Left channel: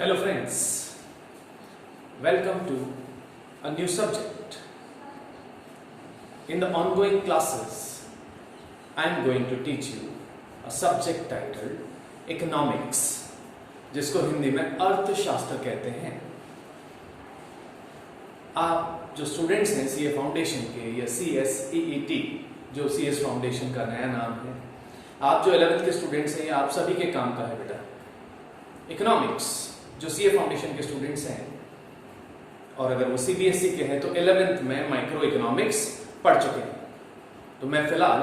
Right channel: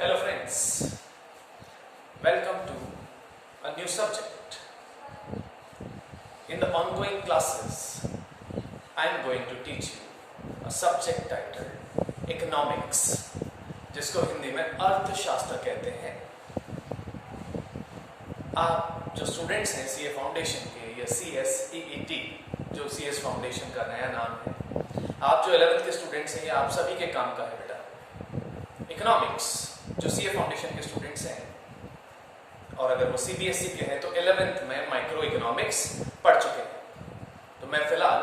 Hello friends, welcome to a new subject. In the ongoing classes, I am going to teach you a subject titled Economics, जिसको हिंदी में अर्थशास्त्र कहते हैं। आप जो स्टूडेंट्स हैं सीए फाउंडेशन के या CSEET, जो CS फाउंडेशन का नया नाम है, आप जो 11th के स्टूडेंट्स हैं, आप सभी के काम का है बेटा। इकोनॉमिक्स जो सीए फाउंडेशन के स्टूडेंट्स हैं और अगर वो CBSE के हैं तो 11th में माइक्रो इकोनॉमिक्स पढ़ चुके हैं। तो मैं फिलहाल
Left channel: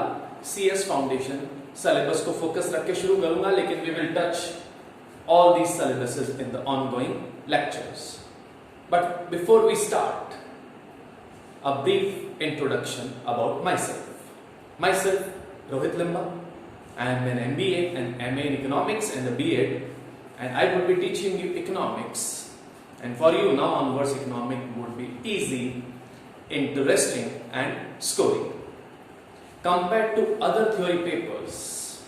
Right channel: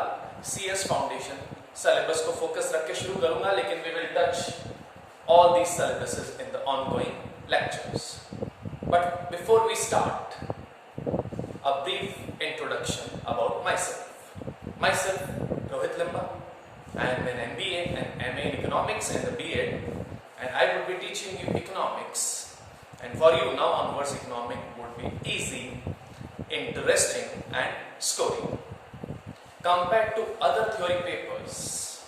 CS फाउंडेशन सिलेबस को फोकस रख के शुरू करूंगा, लेकिन we will touch all these syllabuses in the ongoing lectures. But before we start, a brief introduction about myself. Myself, Rohit Limba. I am an MBA and MA in Economics and a B.Ed, and I would be teaching you economics. And for you now onwards, economics would be easy, interesting, and scoring. Compared to other theory papers,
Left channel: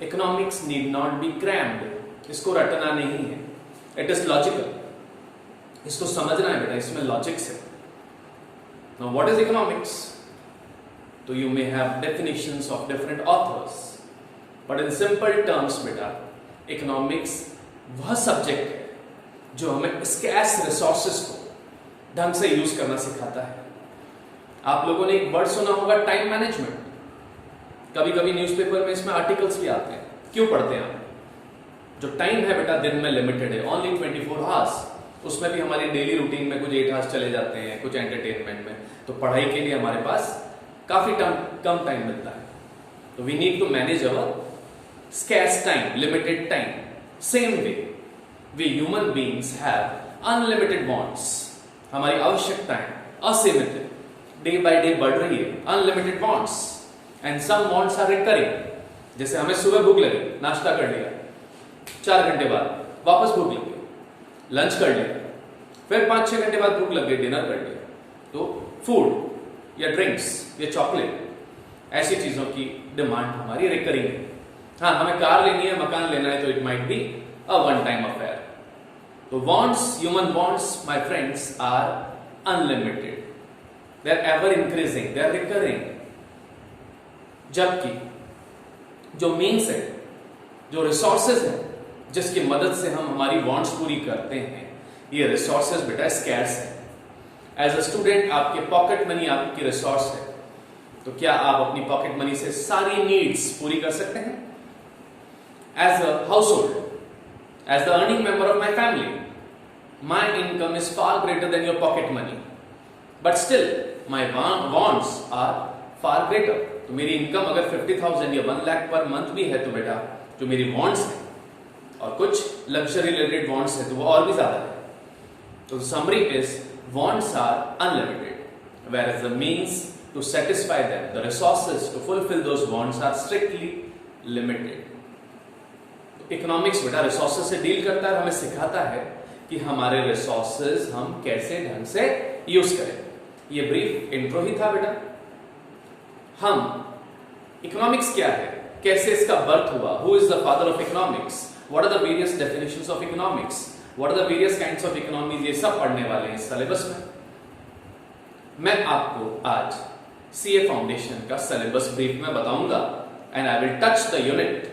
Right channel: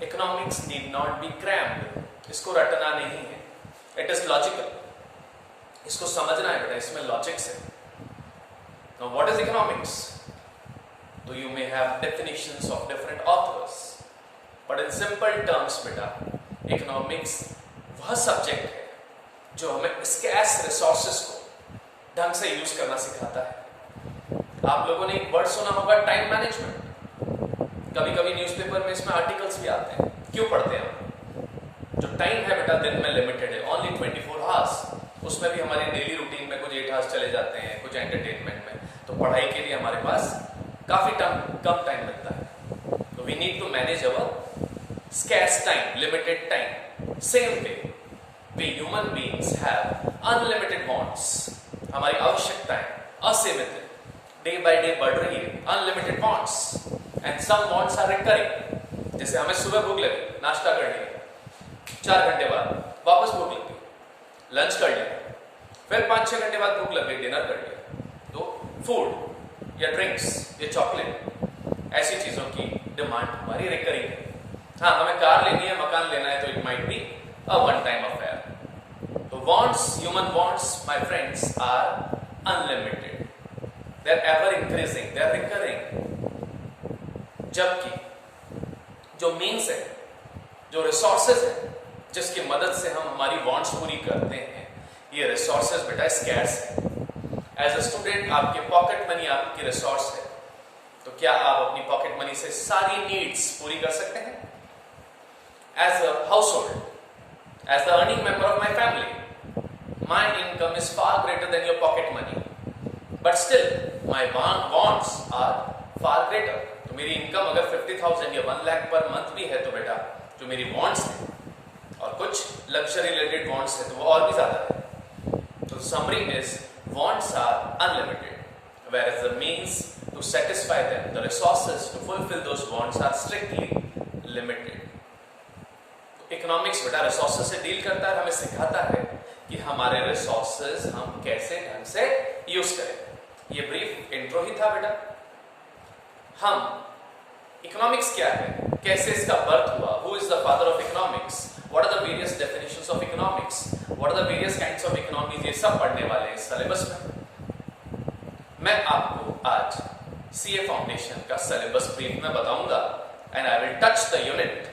economics need not be crammed. इसको रटना नहीं है. It is logical. इसको समझना है बेटा, इसमें logics है. Now what is economics? So you may have definitions of different authors, but in simple terms बेटा, economics वह सब्जेक्ट है जो हमें स्कैर्स रिसोर्सेस को ढंग से यूज करना सिखाता है. आप लोगों ने एक वर्ड सुना होगा, टाइम मैनेजमेंट. कभी कभी न्यूज़पेपर में इसमें आर्टिकल्स भी आते हैं. क्यों पढ़ते हैं आप? जो टाइम है बेटा दिन में लिमिटेड है, ओनली 24 आवर्स. उसमें भी हमारी डेली रूटीन में कुछ 8 आवर्स चले जाते हैं, कुछ एंटरटेनमेंट में. तो पढ़ाई के लिए हमारे पास काफी कम टाइम मिलता है. तो we need to manage our scarce time, limited time. Same way we human beings have unlimited wants. हमारी आवश्यकताएं असीमित है, डे बाय डे बढ़ रही है. Unlimited wants and some wants are recurring. जैसे हमें सुबह भूख लगी, नाश्ता कर लिया, 4 घंटे बाद वापस भूख लग गई, लंच कर लिया, फिर 5-6 घंटे बाद भूख लग गई, डिनर कर लिया. तो फूड या ड्रिंक्स या चॉकलेट, ऐसी चीजों की डिमांड हमारी रिकरिंग है. हाँ, हमें कार लेनी है, मकान लेना है, तो it might be a one time affair. तो wants, human wants my friends are unlimited. They are ever increasing, they are recurring. जबकि जो मीन्स है, जो रिसोर्सेज है, जिसकी मदद से हम हमारी वांट्स पूरी करते हैं, ये रिसोर्सेज बेटा स्कैर्स है. एज अ स्टूडेंट आपके पॉकेट मनी आपकी रिसोर्स है. तो क्या आप अपनी पॉकेट मनी से सारी नीड्स पूरी कर सकते हैं? As a household, as the earning member of my family, my income is far greater than your pocket money, but still my wants are far greater. तो मेरी इनकम अगर 50,000 या 1 लाख पर मंथ भी है, तो बेटा जो मेरी वांट्स है और कुछ लग्जरी रिलेटेड वांट्स है, तो वो और भी ज्यादा है. तो summary is wants are unlimited, whereas the means to satisfy them, the resources to fulfill those wants are strictly limited. तो इकोनॉमिक्स बेटा रिसोर्सेज से डील करता है, हमें सिखाता है कि हमारे रिसोर्सेज हम कैसे ढंग से यूज करें. ये ब्रीफ इंट्रो ही था बेटा. हम इकोनॉमिक्स क्या है, कैसे इसका बर्थ हुआ, who is the father of economics, what are the various definitions of economics, what are the various kinds of economies, ये सब पढ़ने वाले हैं इस सिलेबस में. मैं आपको आज सीए फाउंडेशन का सिलेबस ब्रीफ में बताऊंगा, and I will touch the unit,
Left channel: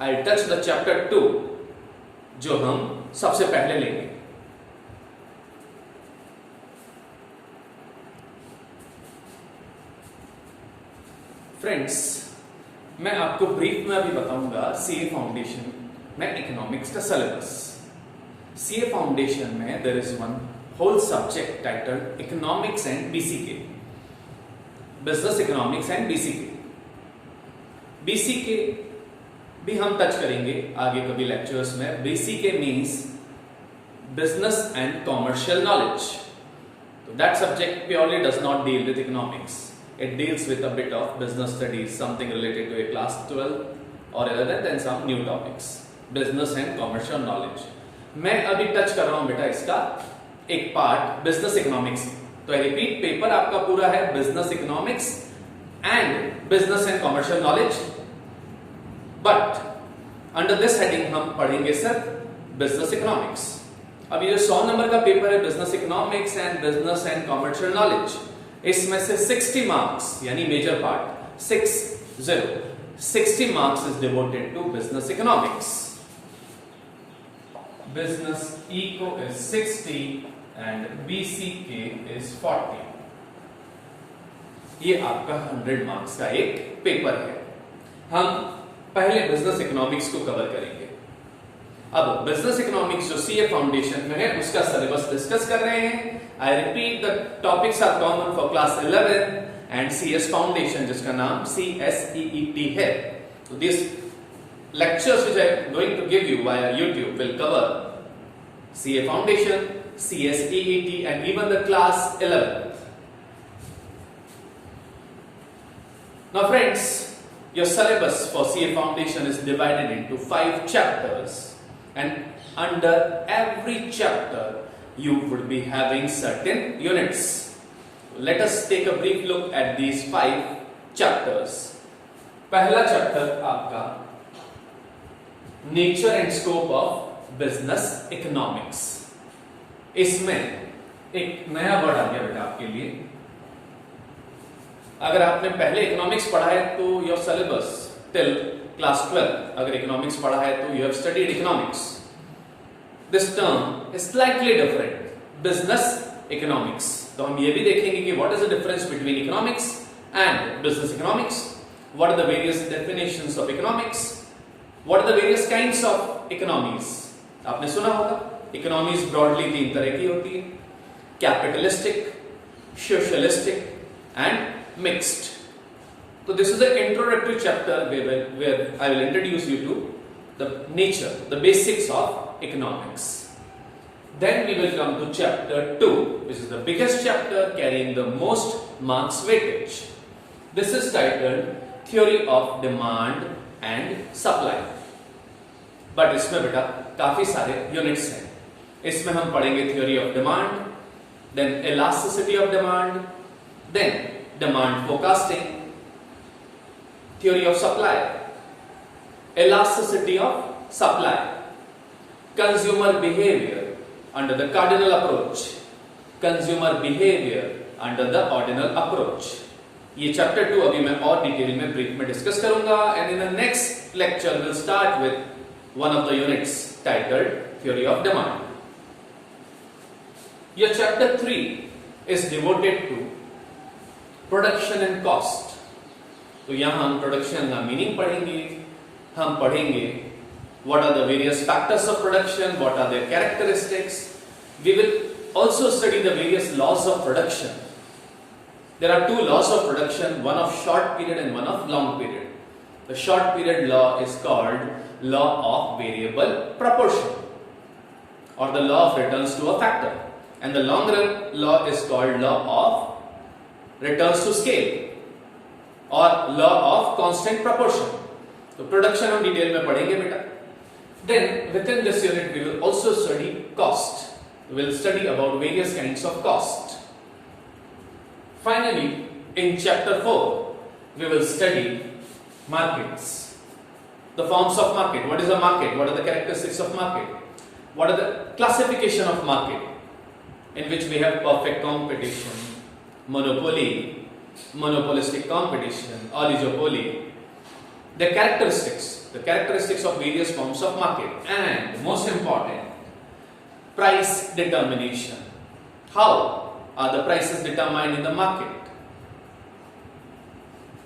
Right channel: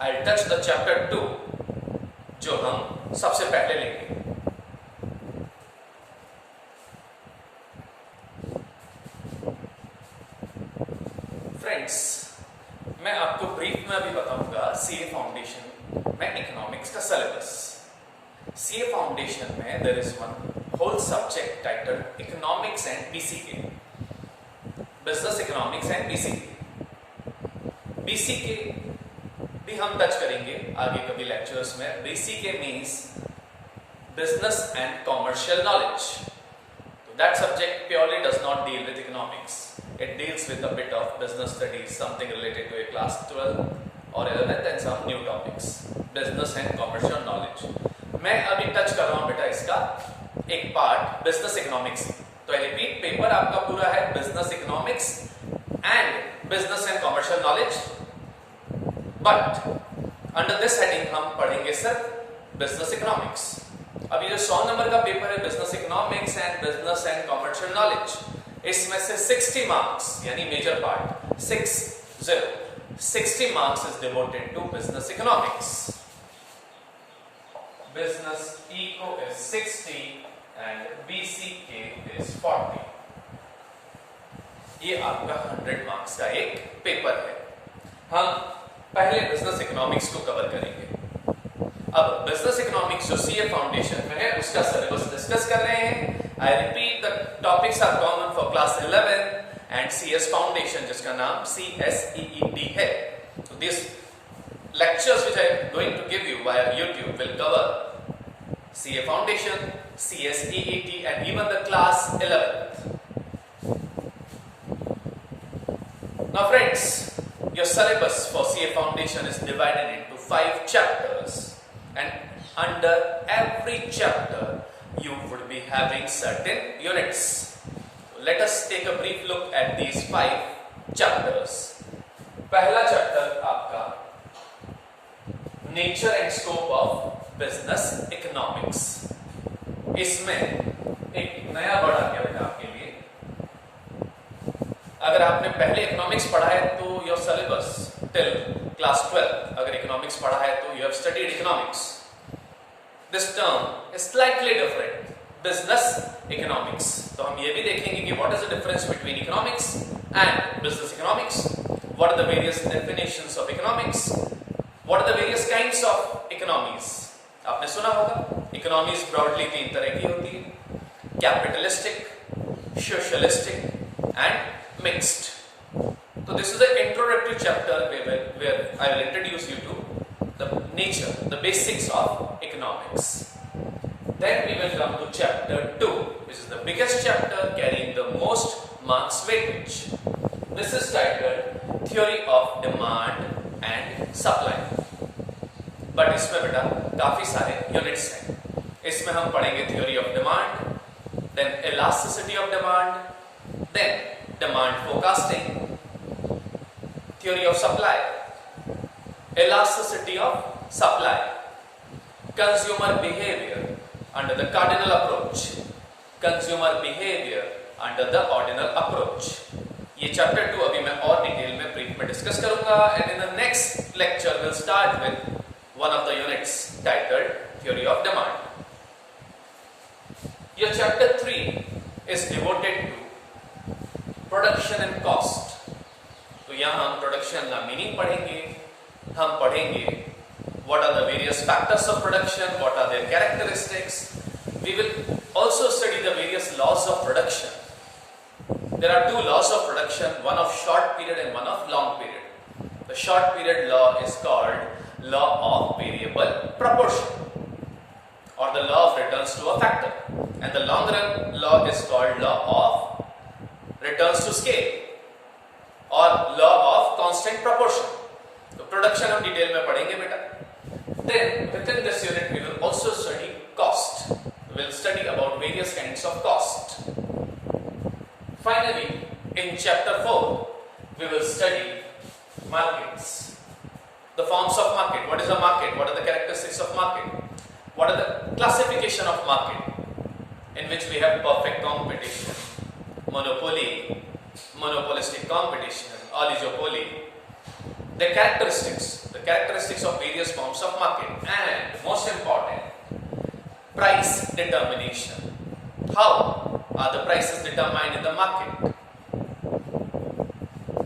I will touch the chapter 2, जो हम सबसे पहले लेंगे. फ्रेंड्स, मैं आपको ब्रीफ में अभी बताऊंगा सीए फाउंडेशन में इकोनॉमिक्स का सिलेबस. सीए फाउंडेशन में there is one whole subject titled economics and BCK, business economics and BCK. BCK भी हम टच करेंगे आगे कभी लेक्चर्स में. BCK means business and commercial knowledge. तो that subject purely does not deal with economics. It deals with a bit of business studies, something related to a class 12 or 11th and some new topics, business and commercial knowledge. मैं अभी touch कर रहा हूं बेटा इसका एक part business economics. तो repeat paper आपका पूरा है business economics and business and commercial knowledge. But under this heading हम पढ़ेंगे सिर्फ बिजनेस इकोनॉमिक्स। अब ये जो 100 नंबर का पेपर है business economics and business and commercial knowledge, इसमें से 60 मार्क्स यानी major part 60 marks is devoted to business economics. Business eco is 60 and BCK is 40। ये आपका 100 मार्क्स का एक पेपर है। हम पहले बिजनेस इकोनॉमिक्स को कवर करेंगे। अब बिजनेस इकोनॉमिक्स जो सीए फाउंडेशन में है उसका सिलेबस डिस्कस कर रहे हैं। I repeat the topics are common for class 11 and CS foundation जिसका नाम CSEET है। So these lectures which I am going to give you via YouTube will cover CA Foundation, CSEET and even the class 11th. Now friends, your syllabus for CA Foundation is divided into 5 chapters and under every chapter you would be having certain units. Let us take a brief look at these 5 chapters. पहला chapter आपका nature and scope of business economics. इसमें एक नया word आ गया बेटा आपके लिए। अगर आपने पहले इकोनॉमिक्स पढ़ा है तो योर सिलेबस टिल क्लास 12 अगर इकोनॉमिक्स पढ़ा है तो you have studied economics. This term is slightly different, business economics. तो हम ये भी देखेंगे कि what is the difference between economics and business economics, what are the various definitions of economics, what are the various kinds of economies। आपने सुना होगा economies broadly 3 तरह की होती है, कैपिटलिस्टिक, सोशलिस्टिक एंड मिक्स्ड। तो this is the introductory chapter where I will introduce you to the nature, the basics of economics. Then we will come to chapter 2, which is the biggest chapter carrying the most marks weightage. This is titled Theory of Demand and Supply. But इसमें बेटा काफी सारे units हैं। इसमें हम पढ़ेंगे theory of demand, then elasticity of demand, then demand forecasting, theory of supply, elasticity of supply, consumer behaviour under the cardinal approach, consumer behaviour under the ordinal approach. ये chapter 2 अभी मैं और डिटेल में brief में discuss करूंगा and in the next lecture will start with one of the units titled Theory of Demand. Your chapter 3 is devoted to production and cost. तो यहां हम प्रोडक्शन का मीनिंग पढ़ेंगे, हम पढ़ेंगे what are the various factors of production, what are their characteristics. We will also study the various laws of production. There are 2 laws of production, one of short period and one of long period. The short period law is called law of variable proportion or the law of returns to a factor, and the long run law is called law of returns to scale or law of constant proportion. तो production हम detail में पढ़ेंगे बेटा। Then within this unit we will also study cost. We will study about various kinds of cost. Finally, in chapter 4 we will study markets. The forms of market. What is a market? What are the characteristics of market? What are the classification of market? In which we have perfect competition, monopoly, monopolistic competition, oligopoly. The characteristics of various forms of market, and most important, price determination. How are the prices determined in the market?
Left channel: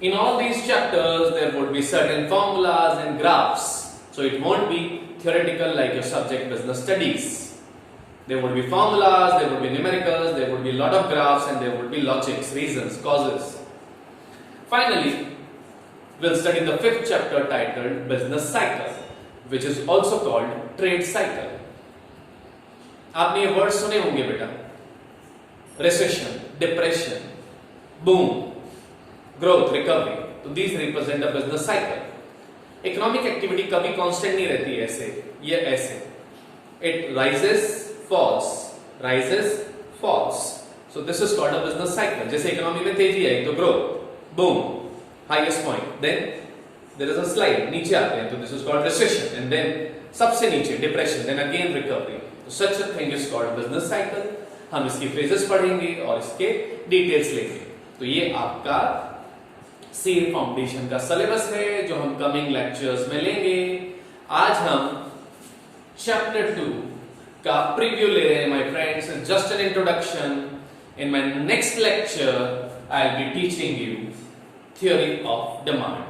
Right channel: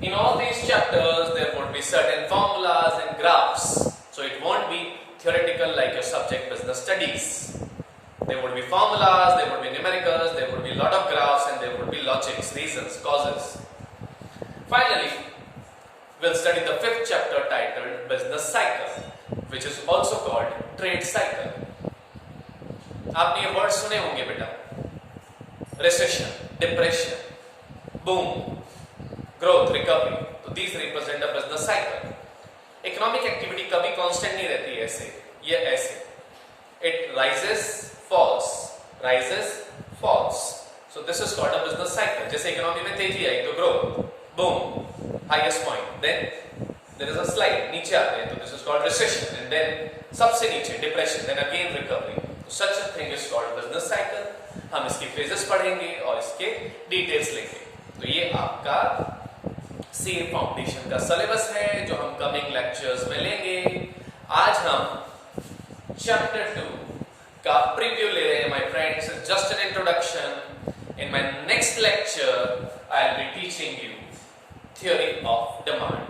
In all these chapters, there would be certain formulas and graphs. So it won't be theoretical like your subject business studies. There would be formulas, there would be numericals, there would be a lot of graphs, and there would be logics, reasons, causes. Finally, we'll study the 5th chapter titled Business Cycle, which is also called Trade Cycle. आपने ये word सुने होंगे बेटा, recession, depression, boom, growth, recovery. तो these represent a business cycle. Economic activity कभी constant नहीं रहती है ऐसे, ये ऐसे. It rises, falls, rises, falls. So this is called a business cycle. जैसे इकोनॉमी में तेजी आई तो growth, boom, highest point, then there is a slide, नीचे आते हैं, तो this is called recession, and then सबसे नीचे डिप्रेशन, देन अगेन रिकवरी, तो such a thing is called business cycle. हम इसकी फेजेस पढ़ेंगे और इसके डिटेल्स लेंगे। तो ये आपका सीए फाउंडेशन का सिलेबस है जो हम कमिंग लेक्चर्स में लेंगे। आज हम चैप्टर 2 का प्रीव्यू ले रहे हैं my friends, just an introduction. In my next lecture I will be teaching you theory of demand.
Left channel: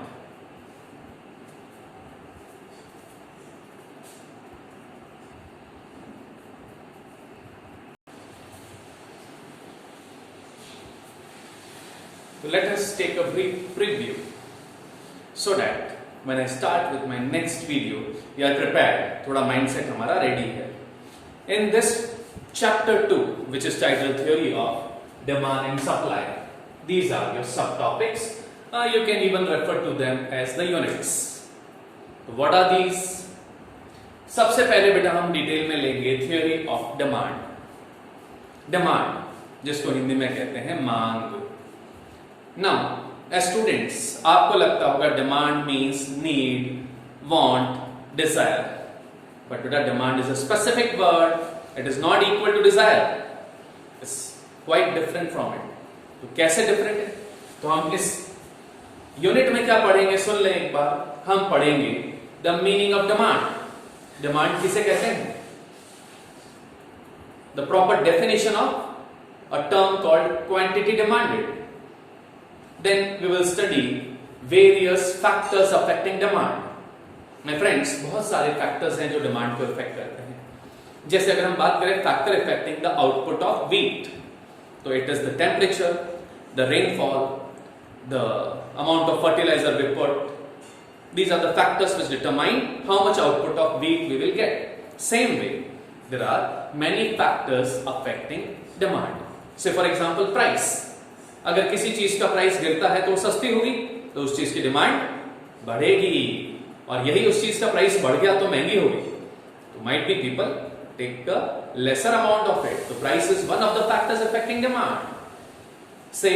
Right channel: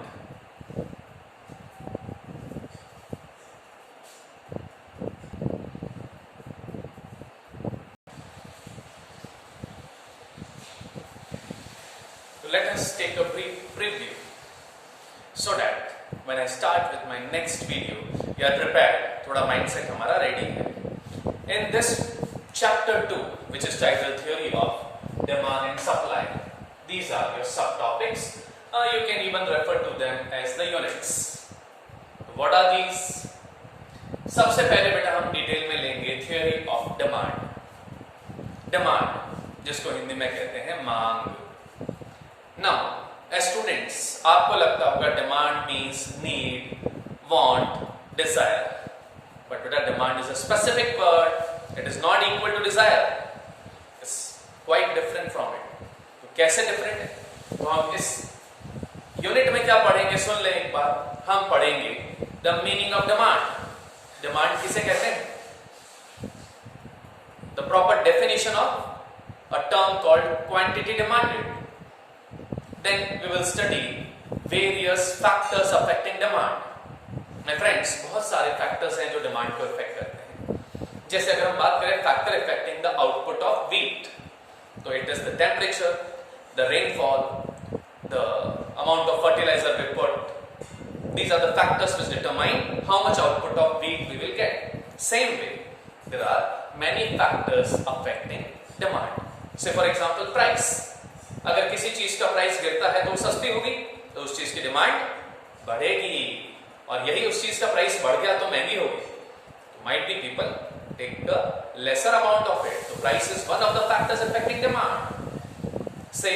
So let us take a brief preview so that when I start with my next video, you are prepared. थोड़ा mindset हमारा ready है. In this chapter 2, which is titled Theory of Demand and Supply, these are your subtopics. You can even refer to them as the units. What are these? सबसे पहले बेटा हम detail में लेंगे Theory of Demand. Demand, जिसको हिंदी में कहते हैं मांग. Now, as students, आपको लगता होगा demand means need, want, desire. But बेटा demand is a specific word. It is not equal to desire. It's quite different from it. तो कैसे different है? तो हम इस यूनिट में क्या पढ़ेंगे सुन लें एक बार। हम पढ़ेंगे the meaning of demand. Demand किसे कहते हैं? The proper definition of a term called quantity demanded. Then we will study various factors affecting demand. My friends, बहुत सारे factors हैं जो demand को affect करते हैं. जैसे अगर हम बात करें factor affecting the output of wheat, तो it is the temperature, the rainfall, the amount of fertilizer we put. These are the factors which determine how much output of wheat we will get. Same way, there are many factors affecting demand. Say for example, price. अगर किसी चीज का price गिरता है तो सस्ती होगी, तो उस चीज की डिमांड बढ़ेगी, और यही उस चीज का प्राइस बढ़ गया तो महंगी होगी, तो might be people take a lesser amount of it. तो price is one of the factors affecting demand. Say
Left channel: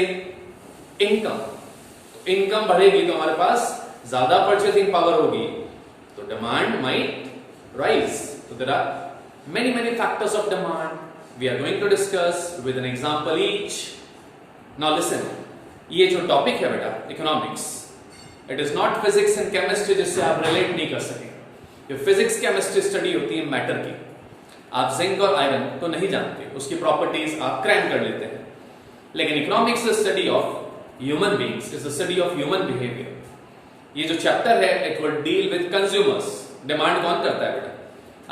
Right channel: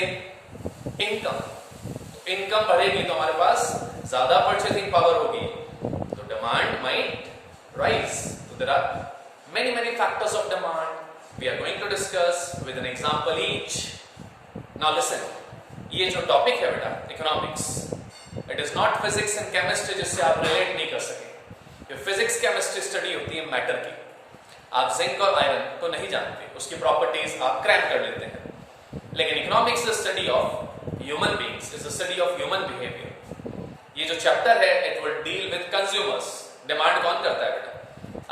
income बढ़ेगी तो हमारे पास ज्यादा परचेसिंग पावर होगी, तो डिमांड माइट राइज. तो there are many factors of demand. We are going to discuss with an example each. Now listen, ये जो टॉपिक है बेटा economics, it is not physics and chemistry जिससे आप रिलेट नहीं कर सके. ये फिजिक्स केमिस्ट्री स्टडी होती है मैटर की. आप जिंक और आयरन तो नहीं जानते, उसकी प्रॉपर्टीज आप क्रैम कर लेते हैं. लेकिन economics is study of human beings, is the study of human behaviour. ये जो चैप्टर है it will deal with consumers. Demand कौन करता है बेटा?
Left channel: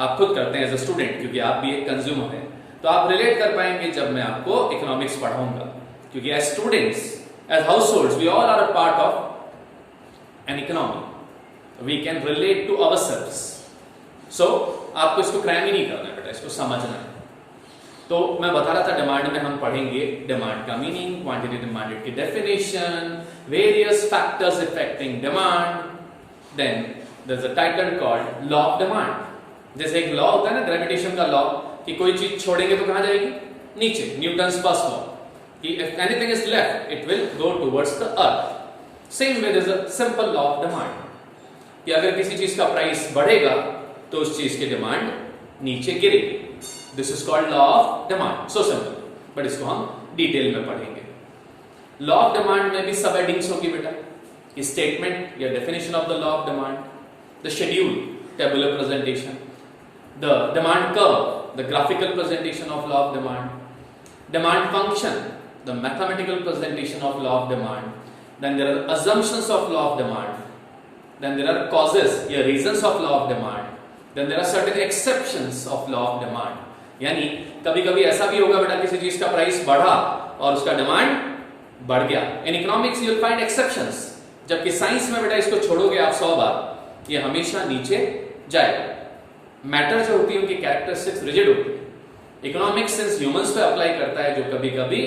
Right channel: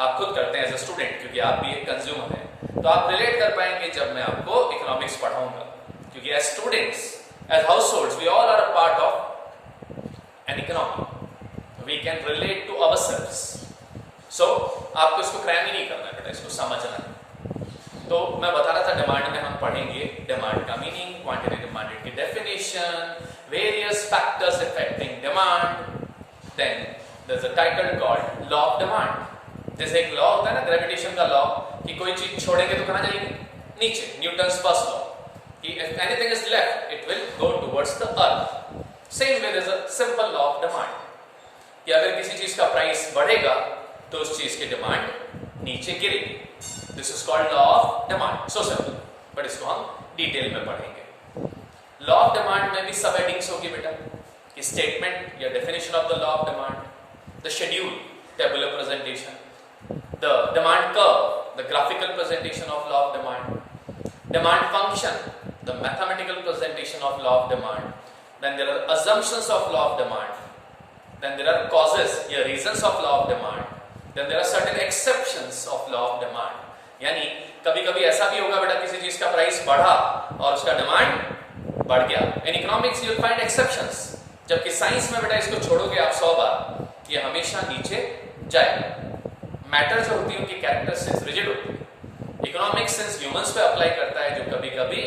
आप खुद करते हैं एज अ स्टूडेंट, क्योंकि आप भी एक कंज्यूमर हैं. तो आप रिलेट कर पाएंगे जब मैं आपको इकोनॉमिक्स पढ़ाऊंगा, क्योंकि as students, as households, we all are a part of an economy. We can relate to ourselves. So, आपको इसको क्रैम ही नहीं करना है बेटा, इसको समझना है. तो मैं बता रहा था डिमांड में हम पढ़ेंगे डिमांड का मीनिंग, क्वांटिटी डिमांडेड की definition, various factors affecting demand. Then there is a title called law of demand. जैसे एक लॉ होता है ना ग्रेविटेशन का लॉ, कि कोई चीज छोड़ेंगे तो कहां जाएगी? नीचे. न्यूटन्स फर्स्ट लॉ कि if anything is left it will go towards the earth. Same way there is a simple law of demand कि अगर किसी चीज का प्राइस बढ़ेगा तो उस चीज की डिमांड नीचे गिरेगी. This is called law of demand. So simple. But इसको हम डिटेल में पढ़ेंगे. लॉ ऑफ डिमांड में भी सब हेडिंग्स होगी बेटा. स्टेटमेंट या definition of the law of demand, the schedule, tabular presentation, the demand curve, the graphical presentation of law of demand, demand function, the mathematical presentation of law of demand. Then there are assumptions of law of demand. Then there are causes या reasons of law of demand. Then there are certain exceptions of law of demand. यानी कभी कभी ऐसा भी होगा बेटा किसी चीज का प्राइस बढ़ा और उसका डिमांड बढ़ गया. In economics you will find exceptions. जबकि साइंस में बेटा इसको छोड़ोगे आप 100 बार, ये हमेशा नीचे जाएगा. मैटर जो होती है उनकी कैरेक्टरिस्टिक्स रिजिड होती है. इकोनॉमिक्स सिंस ह्यूमंस पे अप्लाई करता है जो कभी कभी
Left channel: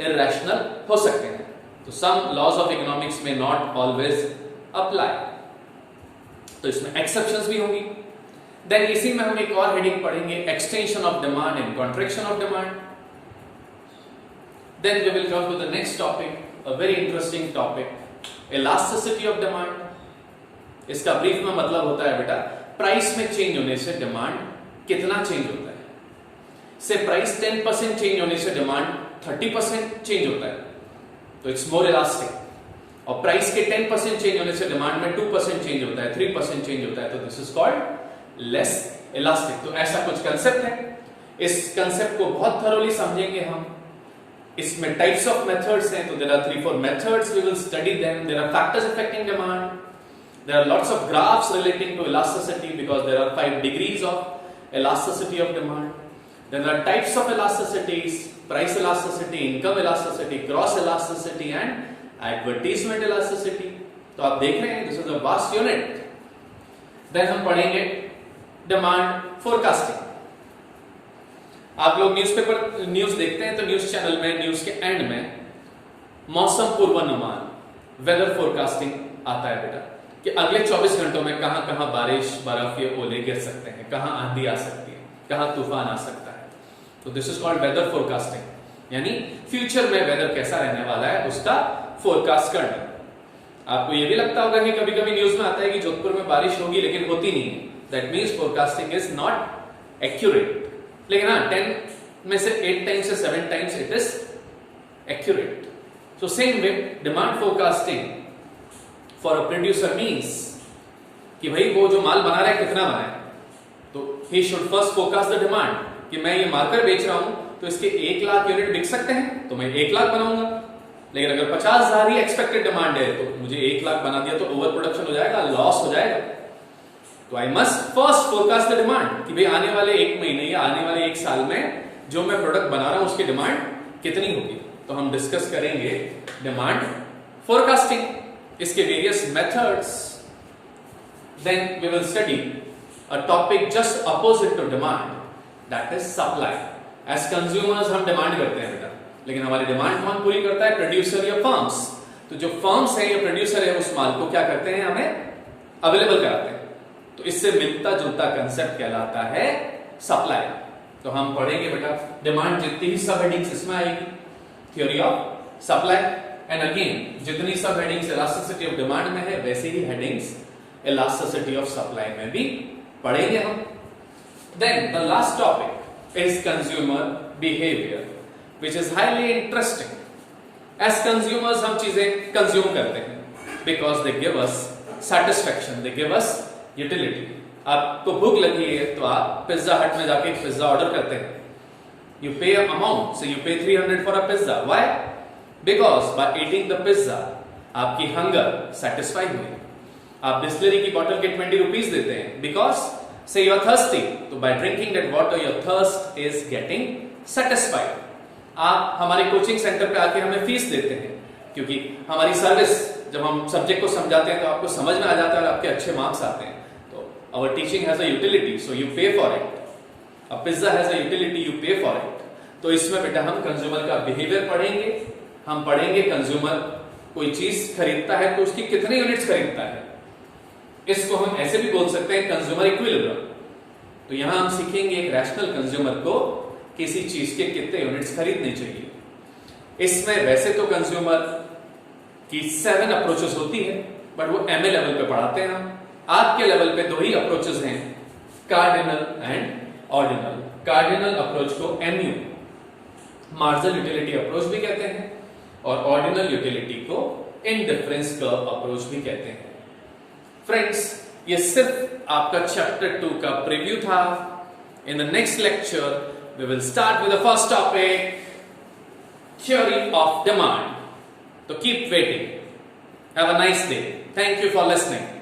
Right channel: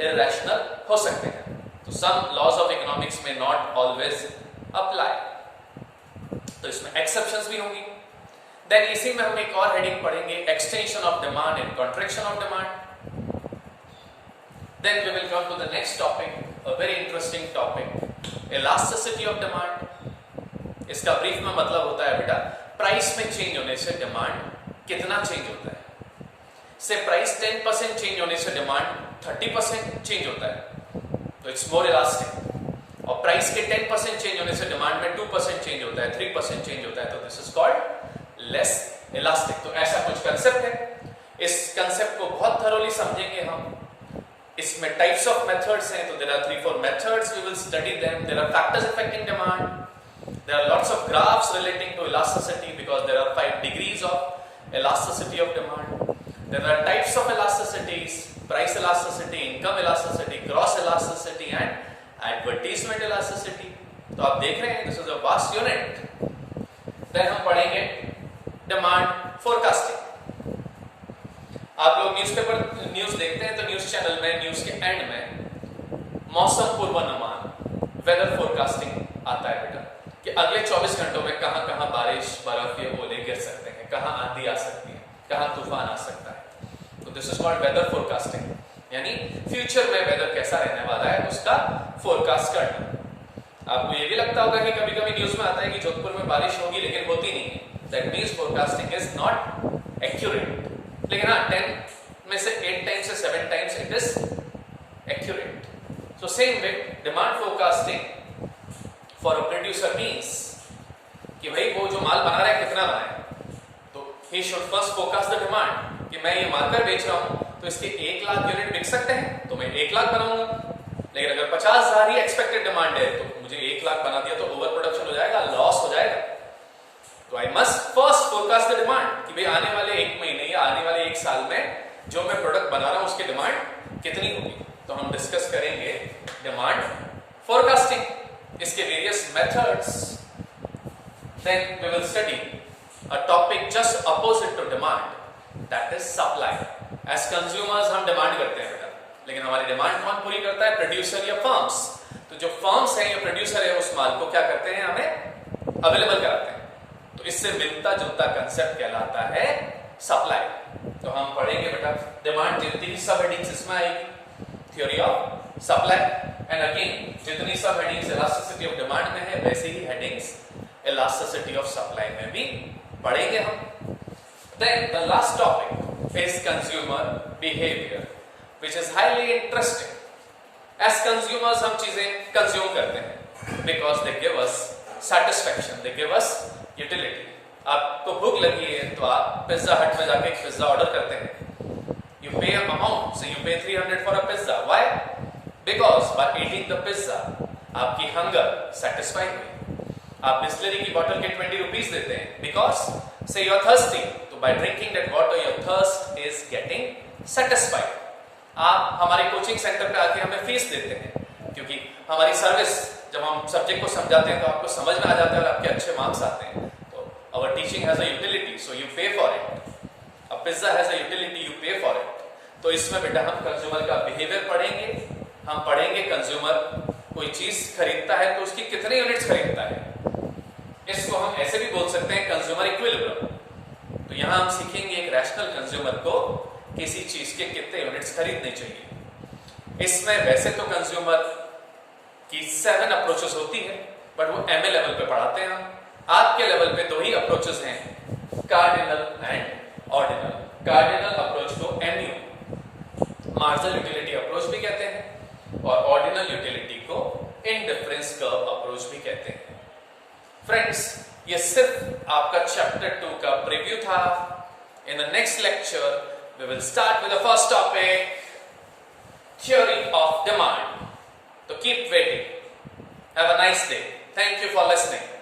इरेशनल हो सकते हैं. तो सम लॉज ऑफ इकोनॉमिक्स में नॉट ऑलवेज अप्लाई, तो इसमें एक्सेप्शंस भी होंगी. देन इसी में हम एक और हेडिंग पढ़ेंगे, extension of demand and contraction of demand. Then we will come to the next topic, a very interesting topic, elasticity of demand. इसका ब्रीफ में मतलब होता है बेटा, प्राइस में चेंज होने से डिमांड कितना चेंज होता है। से प्राइस 10% चेंज होने से डिमांड 30% चेंज होता है, तो इट्स मोर इलास्टिक। और प्राइस के 10% चेंज होने से डिमांड में 2% चेंज होता है, 3% चेंज होता है, तो this is called less elastic. तो ऐसा कुछ कंसेप्ट है। इस कंसेप्ट को बहुत थरोली समझेंगे हम। इसमें टाइप्स ऑफ मेथड्स हैं, तो there are 3-4 methods, we will study them. There are factors affecting demand, there are lots of graphs relating to elasticity because there are 5 degrees of elasticity of demand. There are types of elasticities: price elasticity, income elasticity, cross elasticity and advertisement elasticity. तो आप देख रहे हैं, this is a vast unit. Then हम पढ़ेंगे demand forecasting. आप लोग newspaper news देखते हैं, तो न्यूज चैनल में न्यूज के एंड में मौसम पूर्वानुमान, वेदर फोरकास्टिंग आता है बेटा, कि अगले 24 घंटों में कहां कहां बारिश, बर्फ या ओले गिर सकते हैं, कहां आंधी आ सकती है, कहां तूफान आ सकता है। तो this is called weather forecasting, यानी फ्यूचर में वेदर कैसा रहने वाला है उसका फोरकास्ट करना। आपको ये भी लगता होगा कि कभी कभी न्यूज में आता है कि जोधपुर में बारिश होगी लेकिन होती नहीं है, that means forecasting is not accurate. लेकिन हाँ, 10 में से 8 टाइम्स से 7 times it is accurate. So same way demand forecasting for a producer means कि भाई वो जो माल बना रहा है कितना बनाए, तो he should first forecast the demand कि मैं ये मार्कर बेच रहा हूं तो इसके 1 लाख यूनिट बिक सकते हैं, तो मैं 1 लाख बनाऊंगा। लेकिन अगर 50,000 ही एक्सपेक्टेड डिमांड है, तो मुझे 1 लाख बना दिया तो ओवर प्रोडक्शन हो जाएगा, लॉस हो जाएगा। तो I must first forecast the demand कि भाई आने वाले 1 महीने या आने वाले 1 साल में जो मैं प्रोडक्ट बना रहा हूं उसकी डिमांड कितनी होगी। तो हम डिस्कस करेंगे डिमांड फोरकास्टिंग, इसके various methods. Then we will study a topic just opposite to demand, that is supply. As consumers हम डिमांड करते हैं बेटा, लेकिन हमारी डिमांड कौन पूरी करता है? प्रोड्यूसर या फर्म्स। तो जो फर्म्स है या प्रोड्यूसर है उस माल को क्या करते हैं? हमें अवेलेबल कराते हैं। तो इससे मिलता जुलता कंसेप्ट कहलाता है सप्लाई। तो हम पढ़ेंगे बेटा डिमांड जितनी भी सब हेडिंग्स इसमें आएगी, theory of supply. And again जितनी सब हेडिंग्स इलास्टिसिटी ऑफ डिमांड में है, वैसी ही हेडिंग्स इलास्टिसिटी ऑफ सप्लाई में भी पढ़ेंगे हम। Then the last topic is consumer behavior, which is highly interesting. As consumers हम चीजें कंज्यूम करते हैं because they give us satisfaction, they give us utility. आपको भूख लगी है तो आप पिज्जा हट में जाके पिज्जा ऑर्डर करते हैं। You pay an amount, so you pay 300 for a pizza. Why? Because by eating the pizza आपकी हंगर सेटिस्फाई हुई। आप बिस्लरी की बोतल के 20 रुपीज देते हैं because say you are thirsty, तो by drinking that water your thirst is getting satisfied. आप हमारे कोचिंग सेंटर पे आके हमें फीस देते हैं क्योंकि हमारी सर्विस, जब हम सब्जेक्ट को समझाते हैं तो आपको समझ में आ जाता है और आपके अच्छे मार्क्स आते हैं। तो our teaching has a utility, so you pay for it. A pizza has a utility, you pay for it. तो इसमें बेटा हम कंज्यूमर का बिहेवियर पढ़ेंगे। हम पढ़ेंगे कंज्यूमर कोई चीज खरीदता है तो उसकी कितने यूनिट्स खरीदता है। इसको हम ऐसे भी बोल सकते हैं कंज्यूमर इक्विलिब्रियम। तो यहां हम सीखेंगे एक रैशनल कंज्यूमर को किसी चीज के कितने यूनिट्स खरीदने चाहिए। इसमें वैसे तो कंज्यूमर की 7 अप्रोचेस होती है, बट वो एमए लेवल पे पढ़ाते हैं हम। आज के लेवल पे 2 ही अप्रोचेस हैं, cardinal and ordinal. Cardinal approach को एमयू, मार्जिनल यूटिलिटी अप्रोच भी कहते हैं, और ऑर्डिनल यूटिलिटी को इंडिफरेंस कर्व अप्रोच भी कहते हैं। फ्रेंड्स, ये सिर्फ आपका चैप्टर 2 का प्रीव्यू था। In the next lecture we will start with the first topic, theory of demand. तो keep waiting. Have a nice day. Thank you for listening.